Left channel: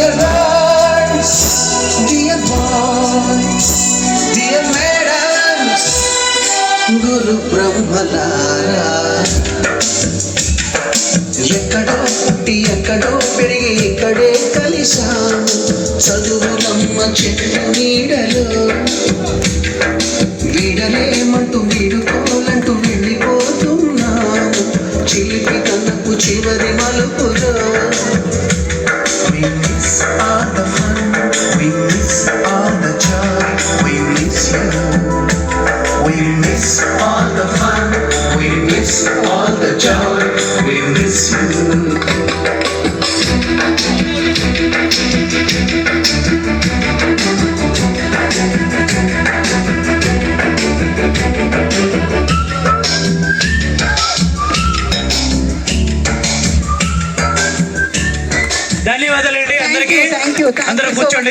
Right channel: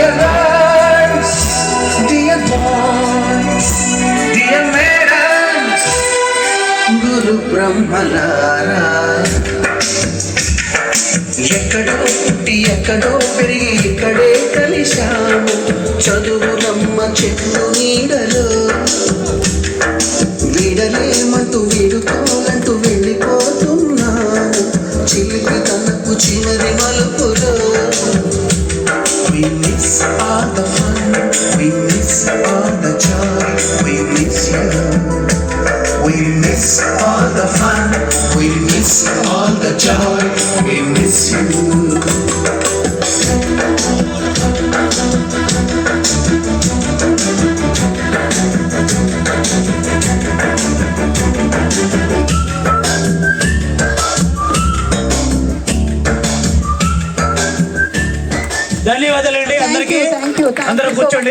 Dear girls, dear boys, dear madams, గురు బ్రహ్మలారా, ఎక్కడో పుట్టి ఎక్కడో పెరిగి ఇక్కడే కలిశాము చదువులమ్మ చెట్టు నీడలో. వీడలేమంటూ వీడుకోలంటూ వెళ్ళిపోతున్నాము చిలిపి తనకు చివరి మలుపులో. We miss all the fun, we miss all the joy, we miss you. We miss all the fun, we miss all the joy, we miss you. ధన్యవాదాలండి అందరికీ. అందరూ కూర్చోండి.